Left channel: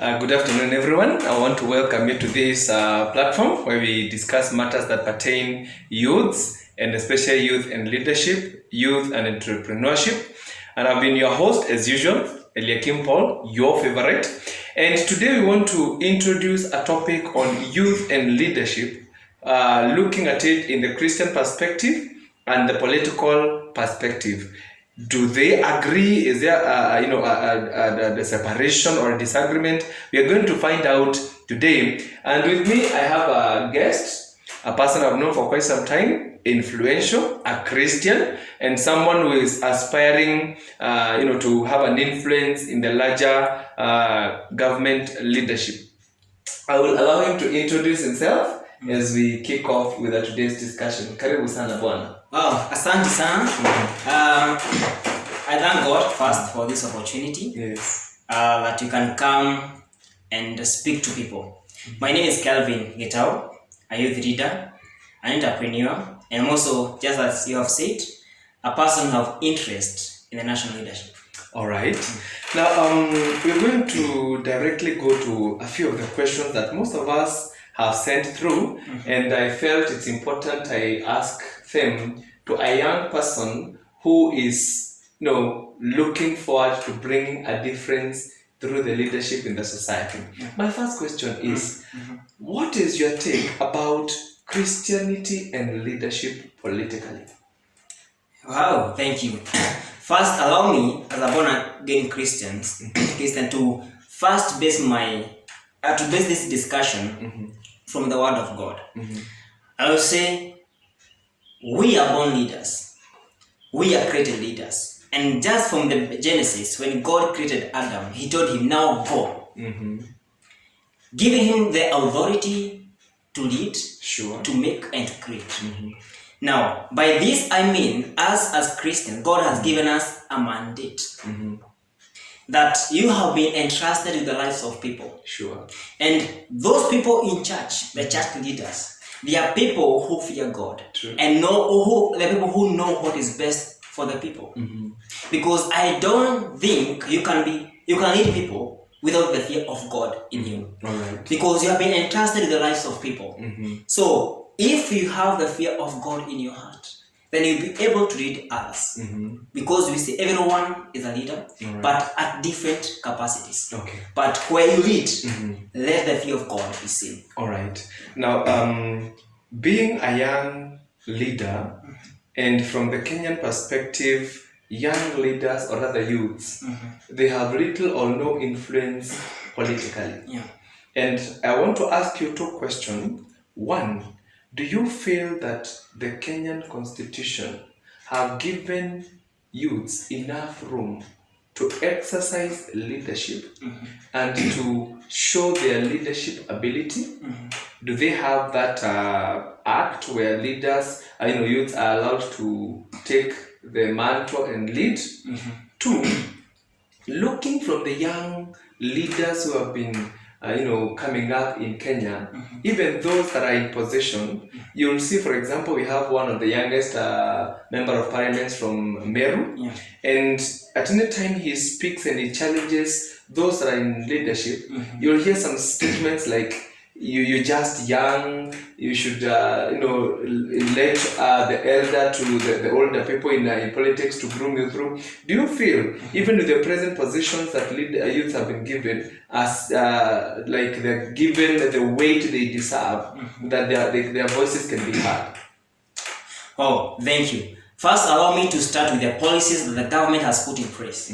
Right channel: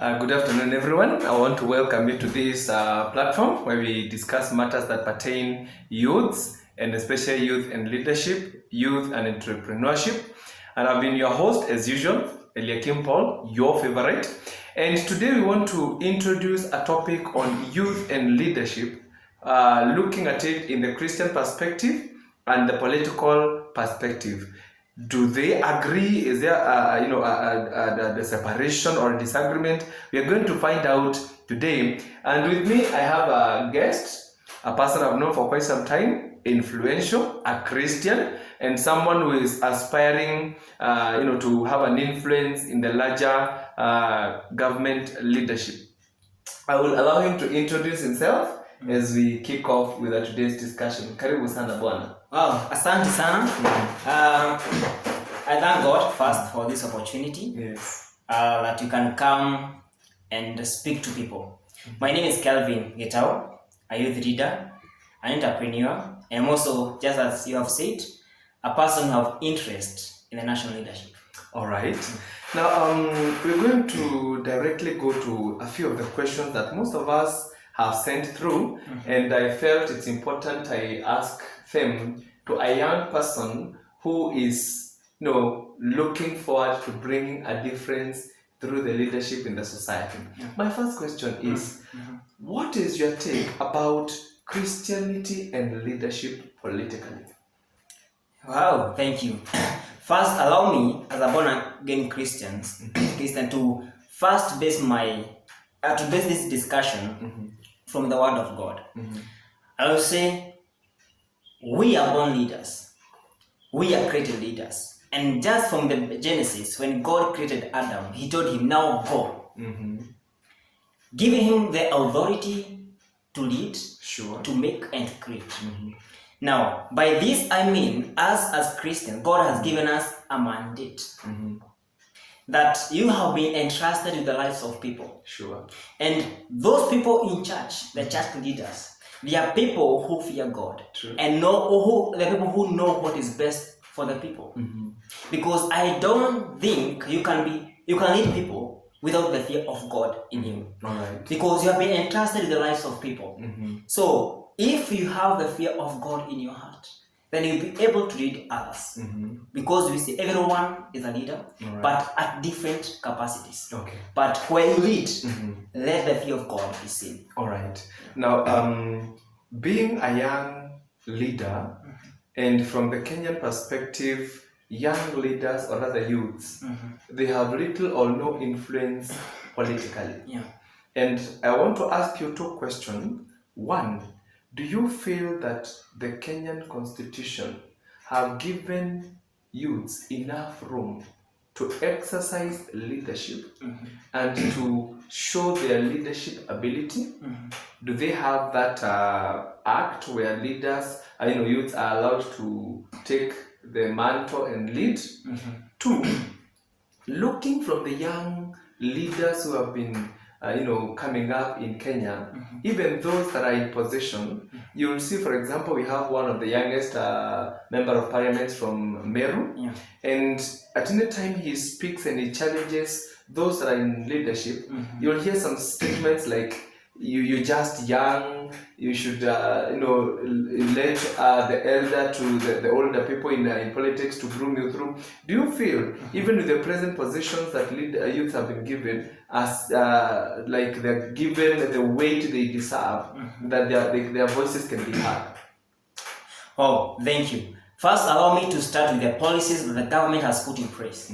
Good afternoon, everyone. I want to welcome you to this platform where we discuss matters that pertain youths, and especially youth and leadership, youth and entrepreneurship. And I've been your host, as usual, Eliakim Paul, your favorite. And today we want to introduce a topic on youth and leadership, looking at it in the Christian perspective and the political perspective. Do they agree? Is there a separation or a disagreement? We are going to find out today. And with me, I have a guest, a person I've known for quite some time, influential, a Christian, and someone who is aspiring, to have an influence in the larger government leadership. I will allow him to introduce himself as we kick off with today's discussion. Karibu sana bwana. Wow, asante sana. I thank God first for this opportunity. Yes. That you can come and speak to people. My name is Kelvin Getao, a youth leader, an entrepreneur, and I'm also, just as you have said, a person of interest in the national leadership. All right. Now, we're going to directly go to a few of the questions that most of us have sent through, and I felt it's important I ask them to a young person who is, looking forward to bringing a difference through the leadership in the society. My first question is, what is your take about Christianity and leadership politically? Wow, thank you. First, allow me, as a born-again Christian, to first base this discussion from the Word of God. I will say, we are born leaders. We are created leaders. And just from the Genesis, when God created Adam, He told him, now go. Giving him the authority to lead, to make, and to create. Now, by this I mean, us as Christians, God has given us a mandate. That you have been entrusted with the lives of people. And those people in church, the church leaders, they are people who fear God. And the people who know what is best for the people. Because I don't think you can lead people without the fear of God in you. Because you have been entrusted with the lives of people. So if you have the fear of God in your heart, then you'll be able to lead others. Because we see everyone is a leader, but at different capacities. But where you lead, let the fear of God be seen. All right. Now, being a young leader, and from the Kenyan perspective, young leaders or other youths, they have little or no influence politically. And I want to ask you two questions. One, do you feel that the Kenyan Constitution have given youths enough room to exercise leadership and to show their leadership ability? Do they have that act where leaders, youths are allowed to take the mantle and lead? Two, looking from the young leaders who have been coming up in Kenya, even those that are in position, you'll see, for example, we have one of the youngest member of parliament from Meru, and at any time he speaks and he challenges those that are in leadership, you'll hear some statements like, you're just young, you should let the elder to the older people in politics to groom you through. Do you feel, even with the present positions that youth have been given, as they're given the weight they deserve, that their voices can be heard? Oh, thank you. First, allow me to start with the policies that the government has put in place.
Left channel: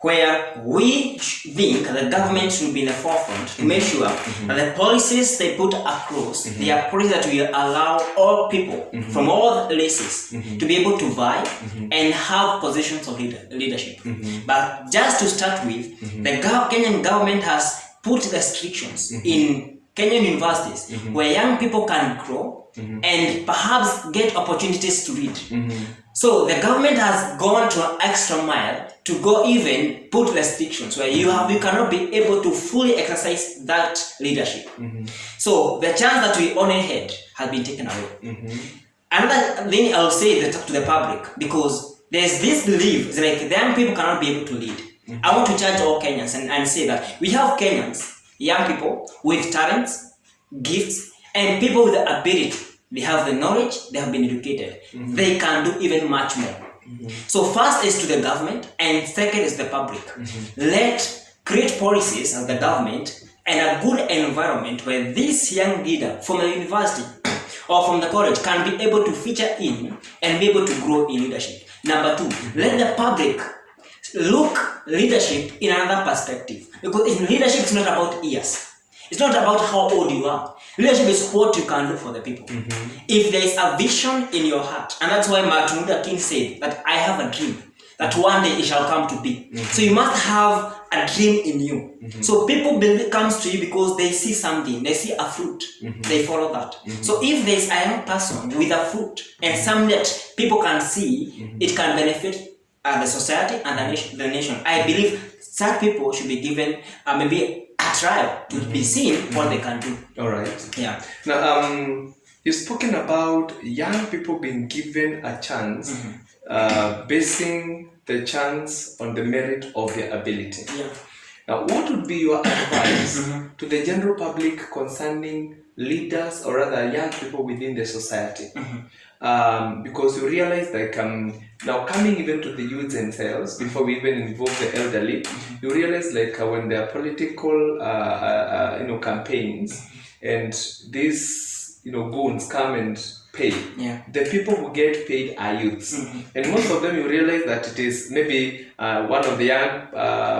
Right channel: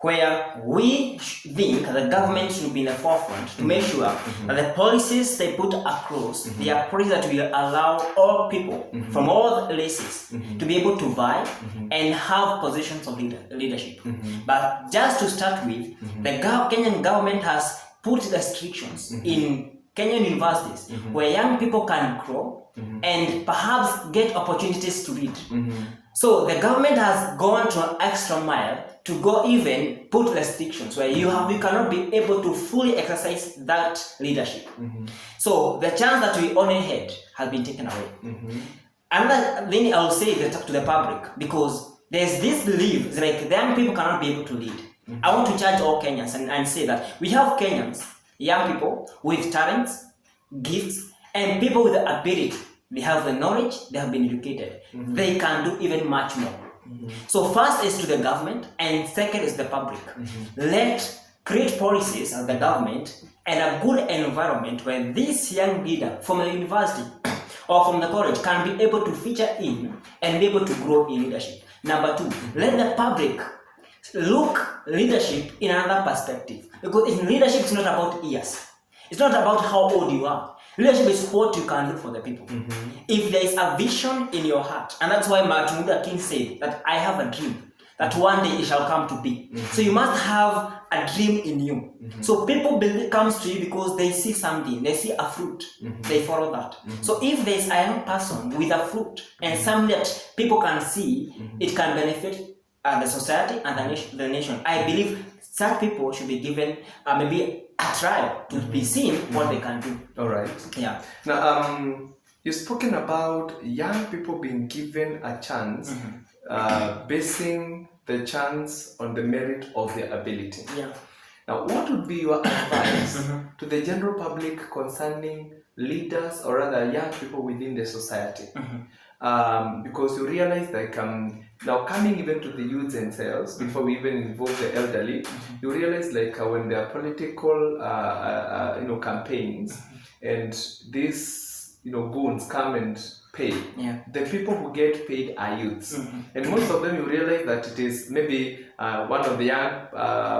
Where we think the government should be in the forefront to make sure that the policies they put across, they are policies that will allow all people from all races to be able to vie and have positions of leadership. But just to start with, the Kenyan government has put restrictions in Kenyan universities where young people can grow and perhaps get opportunities to read. So the government has gone to an extra mile to go even put restrictions where you cannot be able to fully exercise that leadership. So the chance that we only had has been taken away. Another thing I'll say to the public, because there's this belief that the young people cannot be able to lead. I want to judge all Kenyans and say that we have Kenyans, young people with talents, gifts, and people with the ability. They have the knowledge, they have been educated. They can do even much more. So first is to the government, and second is the public. Let create policies as the government and a good environment where this young leader from the university or from the college can be able to feature in and be able to grow in leadership. Number two, let the public look leadership in another perspective. Because in leadership, it's not about years. It's not about how old you are. Leadership is what you can do for the people. If there is a vision in your heart, and that's why Martin Luther King said that I have a dream, that one day it shall come to be. So you must have a dream in you. So people comes to you because they see something, they see a fruit, they follow that. So if there is a young person with a fruit and something that people can see, it can benefit the society and the nation. I believe such people should be given maybe a trial to be seen what they can do. All right. Yeah. Now, you've spoken about young people being given a chance, basing the chance on the merit of their ability. Yeah. Now, what would be your advice to the general public concerning leaders or rather young people within the society? Because you realize like now coming even to the youth themselves, before we even involve the elderly, you realize like when there are political campaigns and these goons come and pay, the people who get paid are youths, and most of them you realize that it is maybe one of the young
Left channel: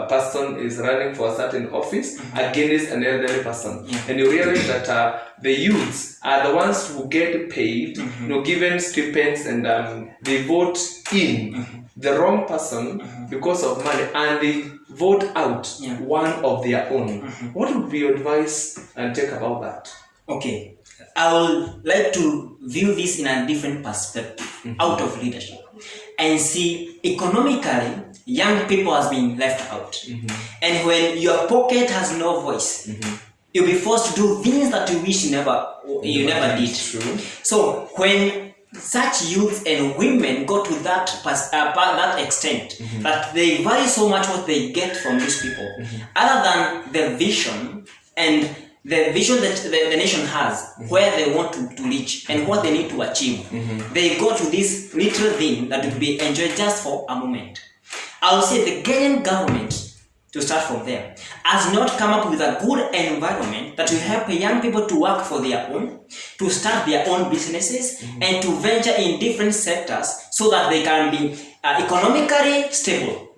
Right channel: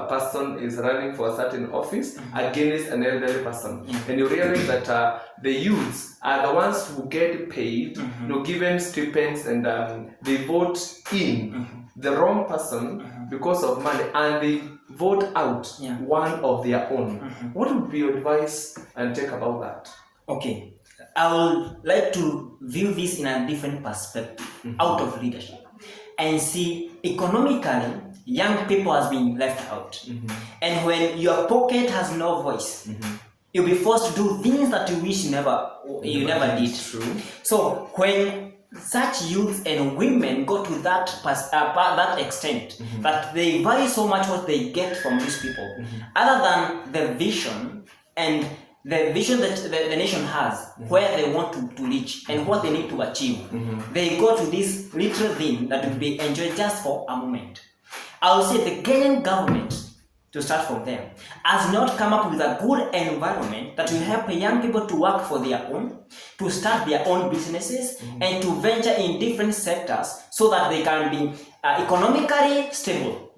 person is running for a certain office against an elderly person, and you realize that the youths are the ones who get paid, given stipends, and they vote in the wrong person because of money, and they vote out one of their own. What would be your advice and take about that? Okay. I would like to view this in a different perspective, out of leadership, and see economically, young people has been left out. And when your pocket has no voice, you'll be forced to do things that you wish you never did. True. So when such youths and women go to that extent, that they value so much what they get from these people, other than the vision and the vision that the nation has, where they want to reach and what they need to achieve, they go to this little thing that will be enjoyed just for a moment. I will say the Kenyan government, to start from there, has not come up with a good environment that will help young people to work for their own, to start their own businesses, and to venture in different sectors so that they can be economically stable.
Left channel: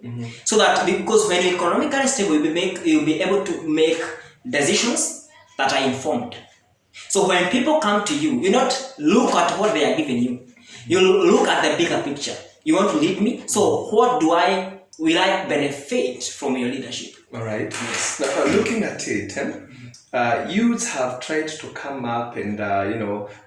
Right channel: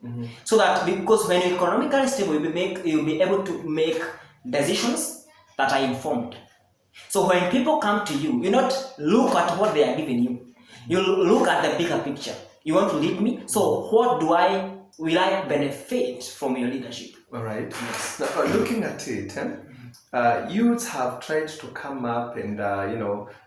So that, because when you're economically stable, you'll be able to make decisions that are informed. So when people come to you, you not look at what they are giving you. You look at the bigger picture. You want to lead me? So what will I benefit from your leadership? All right. Yes. Now, looking at it, youths have tried to come up and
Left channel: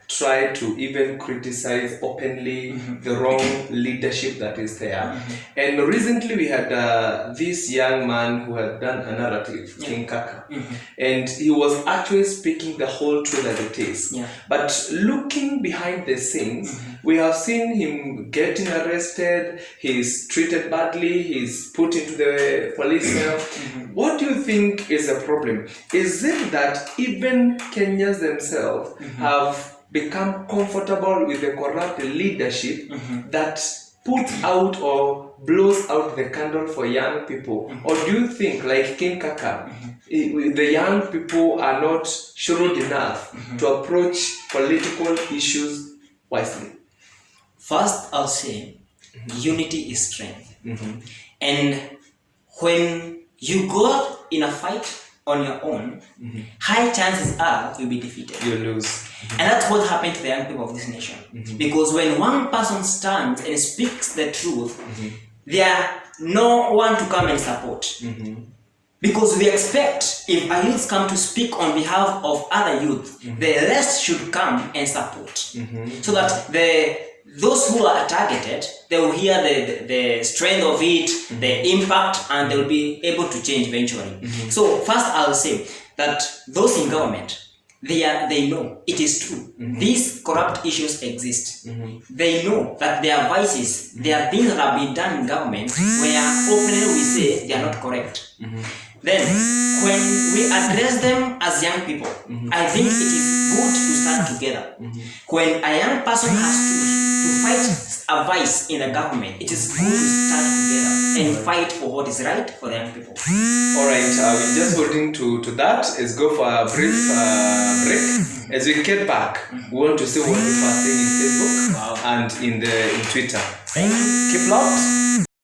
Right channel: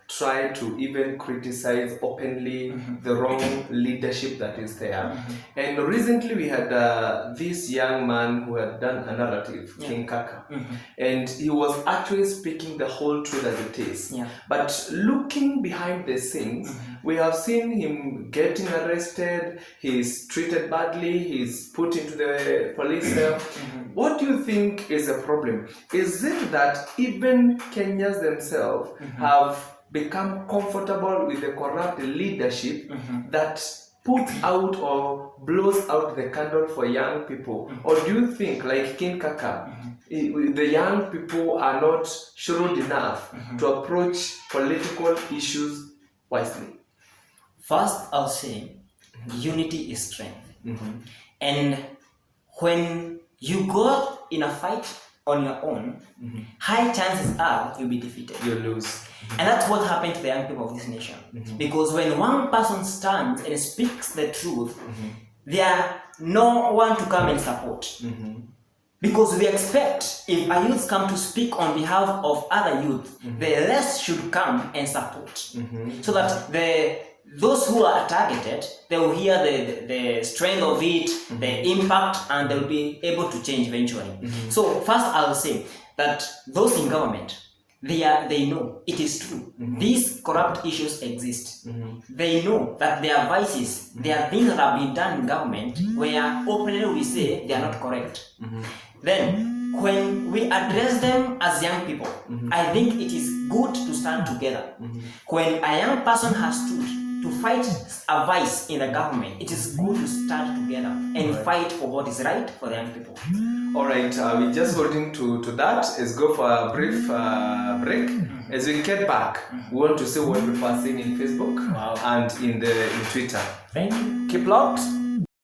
try to even criticize openly the wrong leadership that is there. And recently we had this young man who had done a narrative, King Kaka, and he was actually speaking the whole truth as it is. But looking behind the scenes, we have seen him getting arrested, he's treated badly, he's put into the police cell. What do you think is the problem? Is it that even Kenyans themselves have become comfortable with the corrupt leadership that puts out or blows out the candle for young people? Or do you think, like King Kaka, the young people are not shrewd enough to approach political issues wisely? First, I'll say unity is strength. And when you go in a fight on your own, high chances are you'll be defeated. You lose. And that's what happened to the young people of this nation. Because when one person stands and speaks the truth, there are no one to come and support. Because we expect if a youth come to speak on behalf of other youth, the rest should come and support. So that those who are targeted, they will hear the strength of it, the impact, and they'll be able to change eventually. So first I'll say that those in government, they know it is true. These corrupt issues exist. They know that there are vices, there are things that have been done in government where openly we say they are not correct. Then, when we address them as young people, I think it is good to stand together. When a young person has to fight a vice in the government, it is good to stand together and fight for what is right for the young people. Alright, we're just holding to that. Let's go for a brief break. As we get back, we want to see what people are saying in Facebook and in Twitter. Thank you. Keep locked.